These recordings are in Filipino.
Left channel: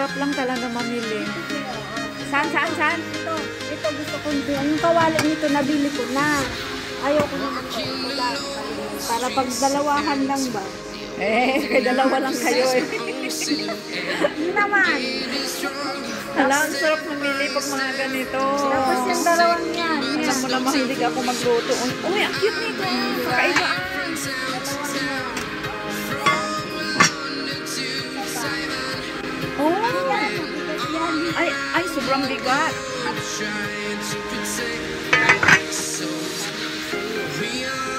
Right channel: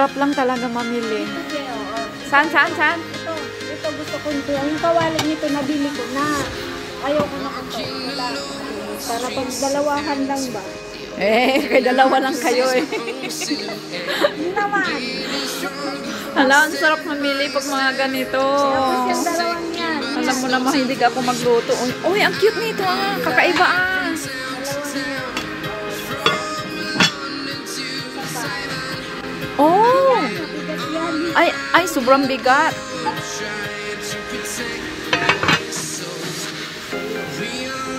sarap lang talaga mamili. Saan? Ito gusto ko nito. Yung kawalan nito, nabili ko na. Ayaw ko na ito. Para pag dalawahan lang ba? Kay dalawa lang kayo eh. Hindi naman. Hala, ang sarap mamili pag mga ganito. Yung dalawang yan. Alam mo naman, hindi ka ako magluto. Uy, ang cute nito ah. Kakaiba ah. Oh! Ay, sobrang bigat.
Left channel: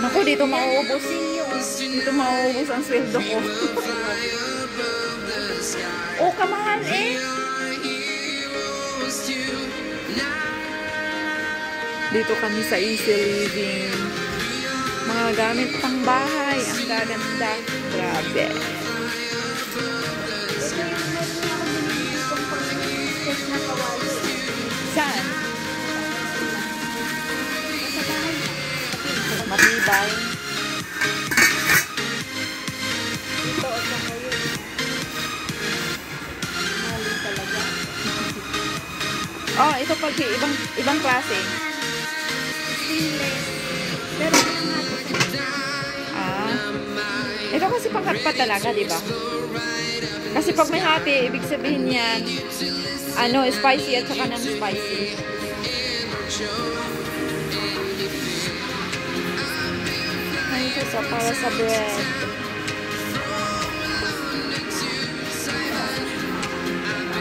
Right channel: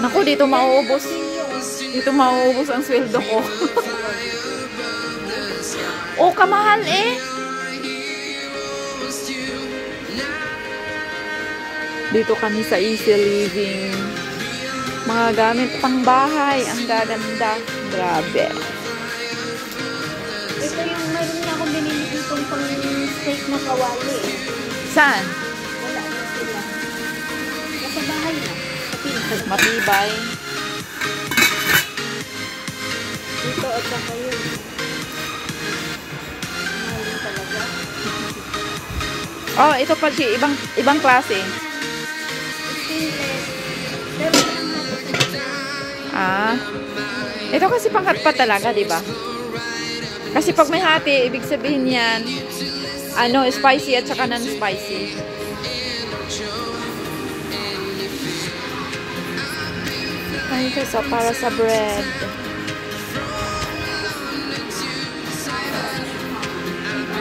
Naku, dito mauubos. Dito mauubos ang sweldo ko. Oh, kamahal eh. Dito kami sa Easy Living. Mga gamit pang bahay. Ang gaganda. Grabe. Ito yung meron niya kung binili itong pang-steak na kawali. Saan? Matibay. Dito at saka yun. Oh, ito pa si ibang klase. Ah. Ito kasi panghatpat talaga, di ba? Kasi pag may hati, ibig sabihin yan, ano, spicy at saka non-spicy. Ay, ito sa para sa bread.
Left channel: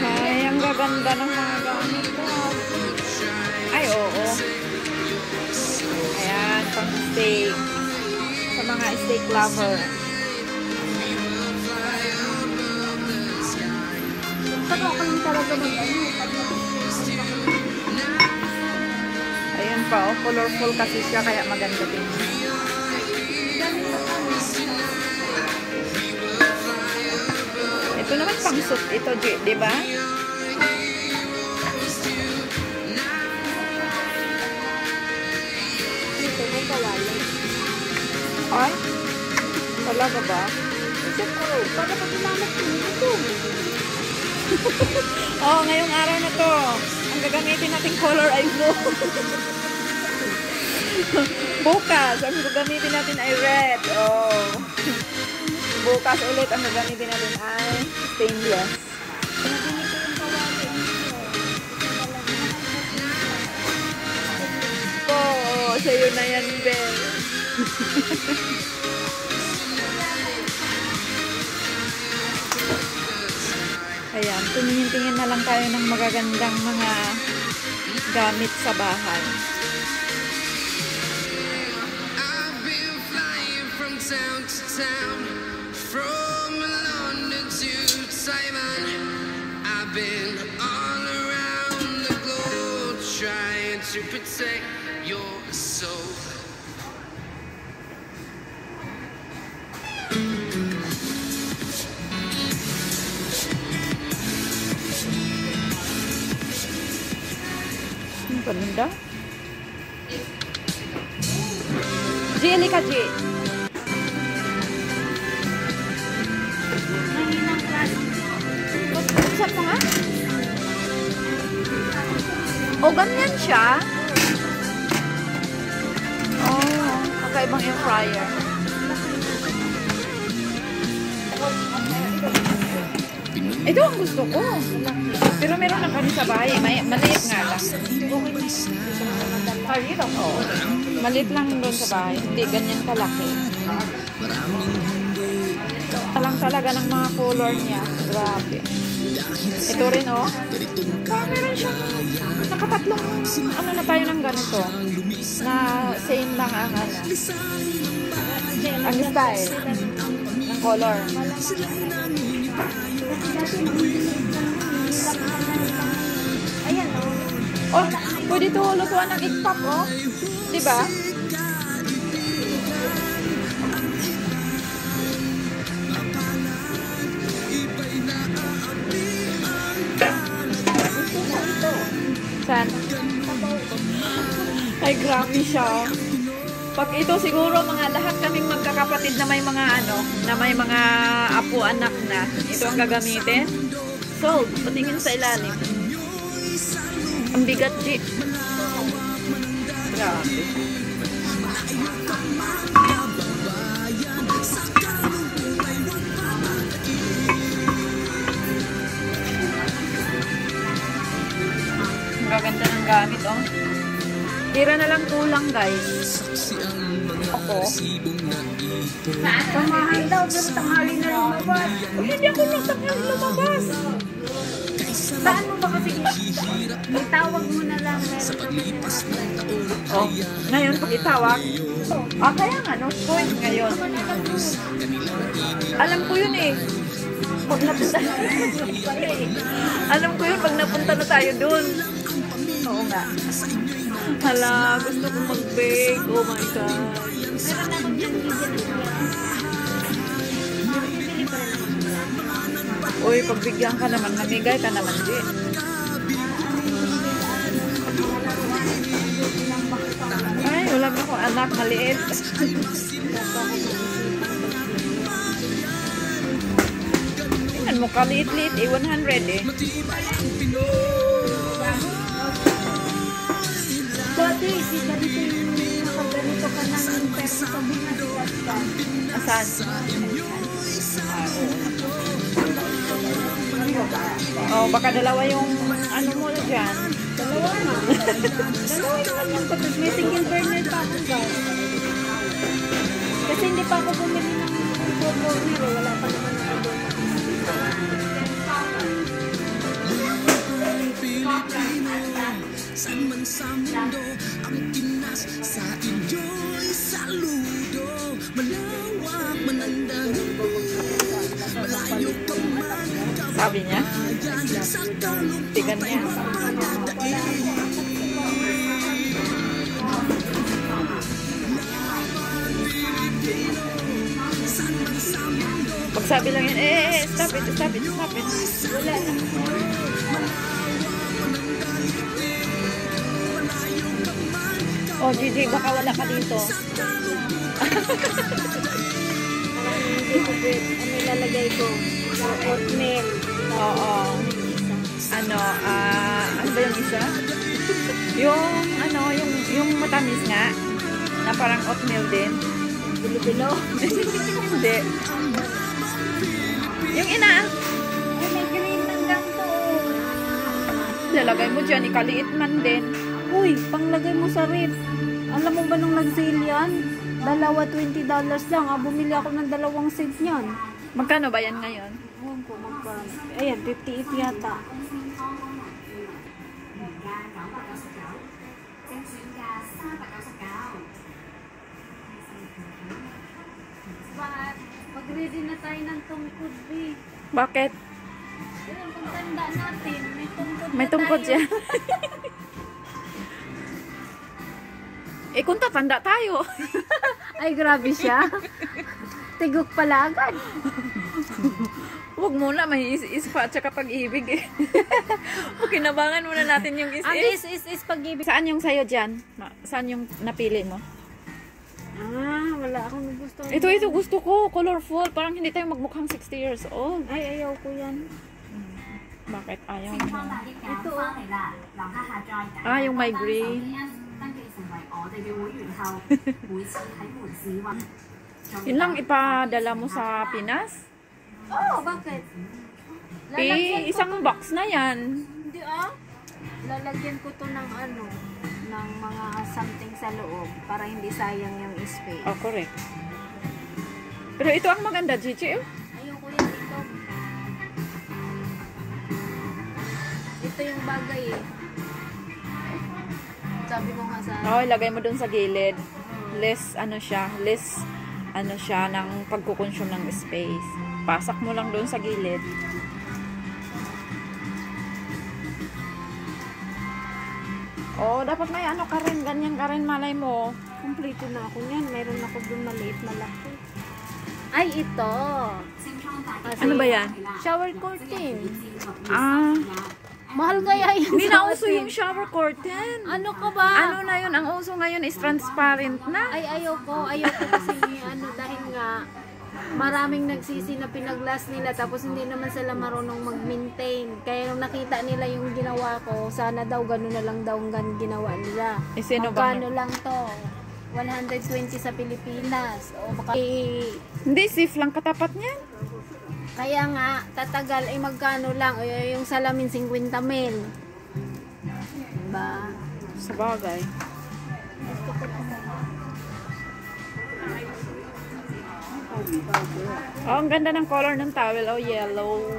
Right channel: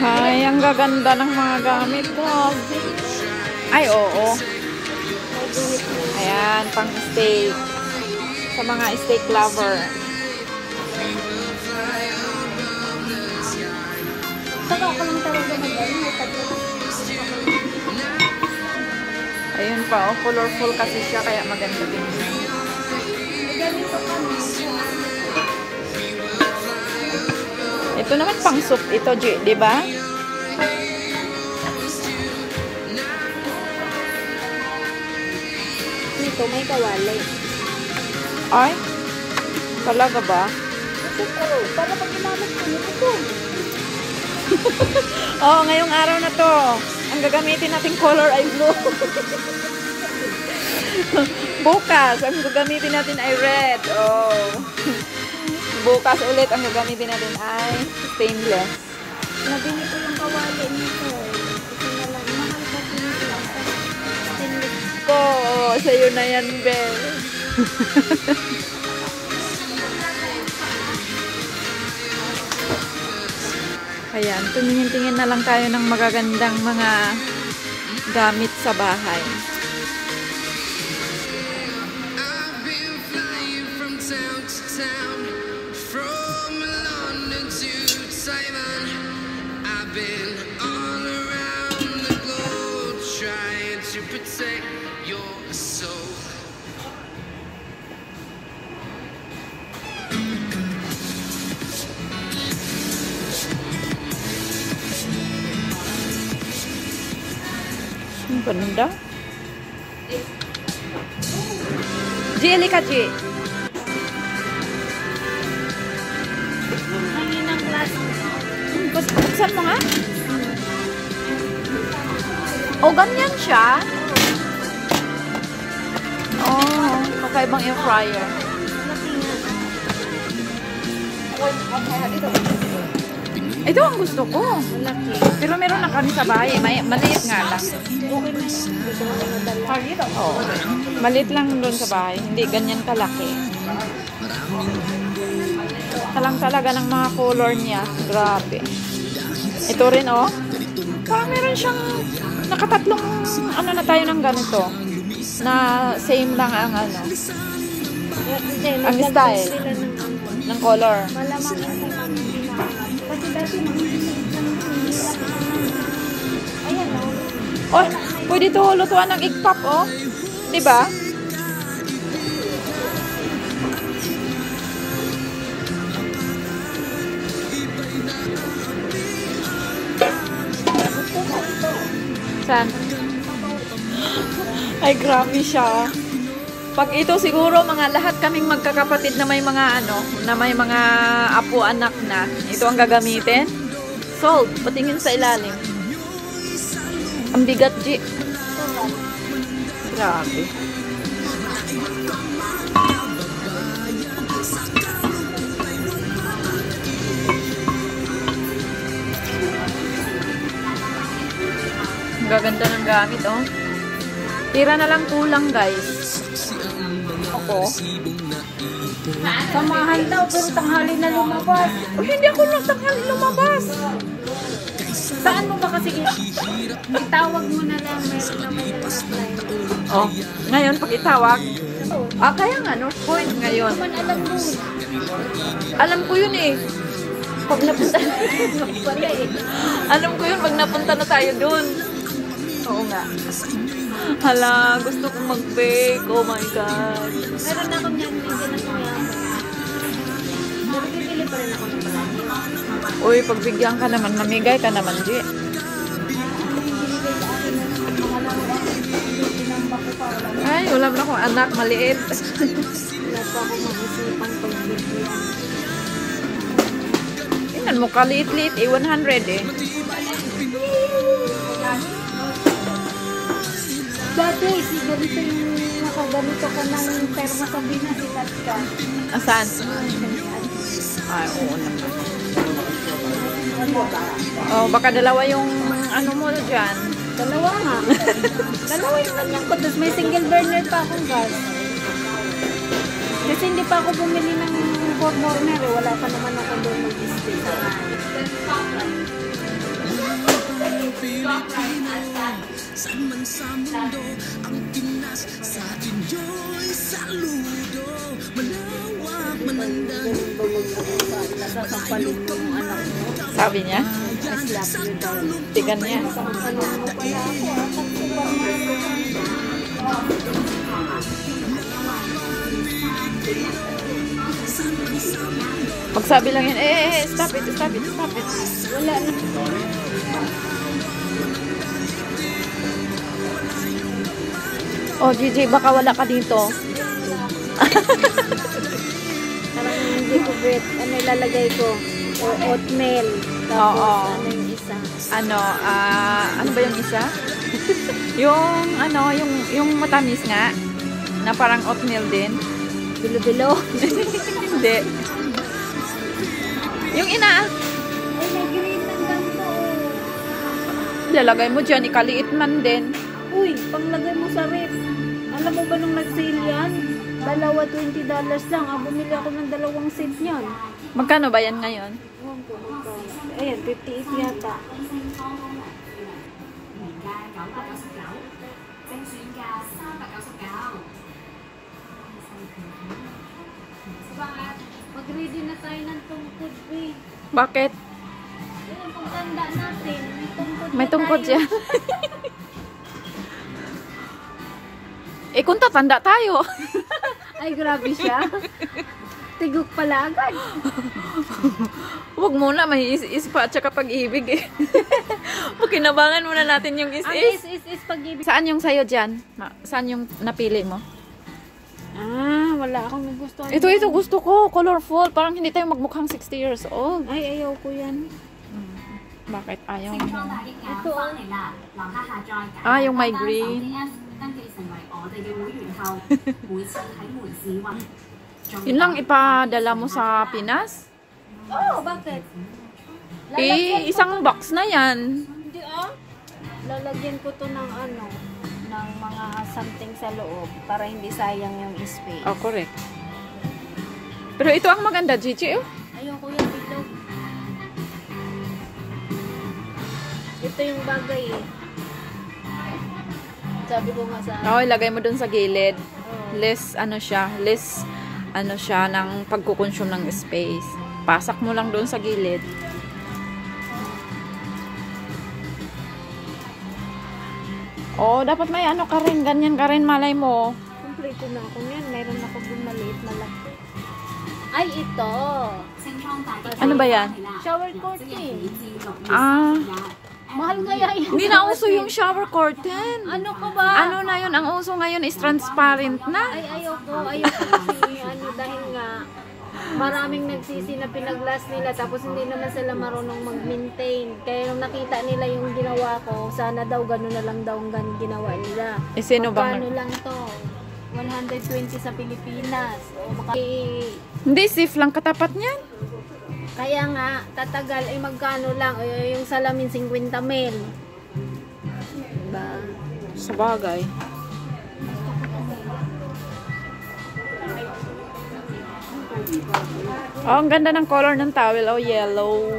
Ay, ang gaganda ng mga gamit ko. Ay, oo. Ayan, pang steak. Sa mga steak lover. Ayun pa, oh, colorful kasi siya, kaya maganda din siya. Ito naman pang soup ito, di ba? Dito may kawali. Ay, talaga ba? Para pag ginamit ko ito. Oh, ngayong araw na to, ang gagamitin nating color ay blue. Bukas, ang gagamitin natin ay red. Oh. Bukas ulit, ang gagamitin natin ay stainless. Nabili ko yung kawali nito. Oh, sa'yo na yan, be. Ayan, tumingin-tingin na lang tayo ng magagandang mga gamit sa bahay. I've been flying from town to town, from London to Taiwan. I've been all around the globe trying to protect your soul. Ang ganda. Jelly ka, G. Saan mo nga? O, ganyan siya. Oh, kakaibang air fryer. Ito ang gusto ko. Pero meron na kami sa bahay. Maliit nga lang. Oh, maliit lang doon sa bahay. Hindi ganyan kalaki. Talang talaga ng mga color niya. Grabe. Ito rin, oh. Meron siyang nakatatlong, ano na tayo ng ganito. Na same lang ang ano. Ang style ng color. Oh, pwede ito lutuan ng egg pop, oh. Diba? Saan? Ay, grabe siya. Pag ito siguro mga lahat kaming magkakapatid na may mga ano, na may mga apo anak na, ito ang gagamitin. Sold. Patingin sa ilalim. Ang bigat, G. Grabe. Ang gaganda ng gamit, oh. Tira na lang kulang, guys. Ako. Samahan daw, pero tanghali na lumabas. Oh, hindi ako lang tanghali lumabas. Saan mo ba kasi itawag mo na lang Oh, ngayon pag itawag. Kaya nga, North Point ngayon. Alam ko yun eh. Pag napunta. Alam ko yun pag napunta na tayo dun. Oo nga. Hala, gusto kong mag-bake. Oh my God. Uy, pagbigyan ka naman, mamigay ka naman, Di. Ay, wala na akong anak, maliit. Tingnan mo, kaliit-liit eh, 100 eh. Dati, nakaganito ka ng pero sabi na sikat ka. Asan? Ay, oo naman. Oh, baka dalawa yung ano mo dyan. Dalawa nga. Dalawa yung naman ko. Tapos may single burner pa akong gas. Kasi hindi pa ako bumili ng burner. Wala pa naman ako doon ng Pilipino, saan man sa mundo, ang Pinas sa inyo'y saludo. Malawak man ang dahilan, malayo ka man, Sabi niya? sa kalungkutan Tigan niya. Pagsabi lang yun, stop it, stop it, stop it. Oh, Gigi, baka wala ka dito. hindi ko wait. Ano ilalagay ko? Or oatmeal. Oo. Ano yung isa? Ano ba yung isa? yung matamis nga, na parang oatmeal din. Bilo-bilo. Hindi. Yung ina, Ay, may green ng ganito. lalagay mo dyan, ikaliit man din. Uy, panglagay mo sa rip. Alam mo ba nung nag-sale yan? Dalawa $20 lang. Bumili ako ng 2 set yan. Magkano ba yan ngayon? Ayan, 58 yata. Mag-ready na tayo ng tungkod, eh. Bakit? Ayan, kung tanda natin, may tungkod May na tungkod tayo. dyan. Kung tatanda tayo. Ay, grabe siya. Tigok pala agad. Huwag muna, may is pa at saka pag-ibig eh. Kinabangan muna natin yung Ang is. is pag-ibig. Saan yung sayo dyan? Saan yung napili mo? Wala akong gusto. Ito gusto ko. Colorful. Parang hindi tayo magmukhang 60 years old. Ay, ayaw ko yan. Bakit ayaw mo? Ito. Yung may green. Yun lang ipadala mo sa Pinas? Oh, bakit? Isang box na yan. Hindi lalagyan ko to ng ng mga something sa loob para hindi sayang yung space. Oh, correct. Pero ito ang maganda, Gigi. Oh. Ayaw ko yan ito. Ito yung bagay eh. Sabi ko nga sa... Oh, ilagay mo dun sa gilid. Less siya ng pagkukonsume ng space. Pasak mo lang dun sa gilid. Oh, dapat may ka rin. Ganyan ka rin, malay mo. Kompleto na ako yan. Meron ako dun maliit na laki. Ay, ito. Ano ba yan? Shower curtain. Mahal kaya yun. Hindi na uso yung shower curtain. Ano ka ba? Ano na yun? Ang uso ngayon is transparent na. Ay, ayaw ko kasi dahil nga maraming nagsisi na pinag-last nila tapos hindi naman sila marunong mag-maintain. Kaya nung nakita nila yung ginawa ko, sana daw gano'n na lang daw ang ginawa nila. Eh, sino bang- Magkano lang to? 120 sa Pilipinas. O, Hindi, safe lang katapat niyan. kaya nga, tatagal ay magkano lang. O, yung salamin 50 mil. Diba? Sa bagay. Oh, ang ganda ng color ng towel. Oh, yellow.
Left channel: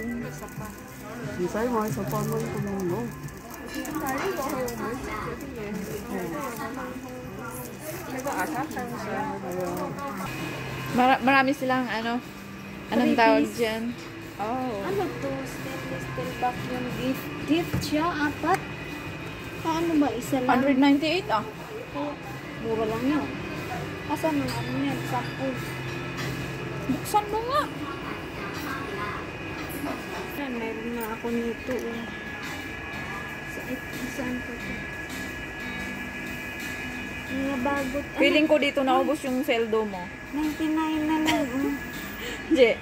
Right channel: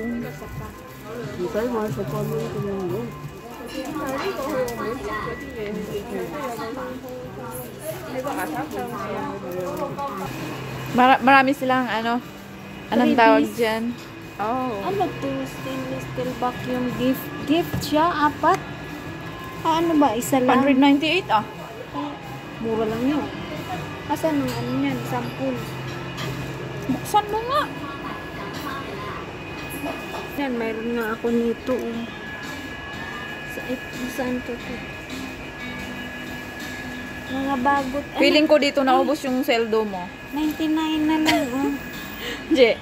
Marami silang anong tawag dyan? Oh. Ano to? Stainless steel vacuum gift. Gift siya, 4. Ano ba? Isa lang? 198 ah. Mura lang yun. Asan ang ano yan? Sample. Buksan mo nga. Yan, mayroon nga ako nito. Saan to? Mga bagot. Feeling ko dito naubos yung seldo mo. 99 na lang. Je.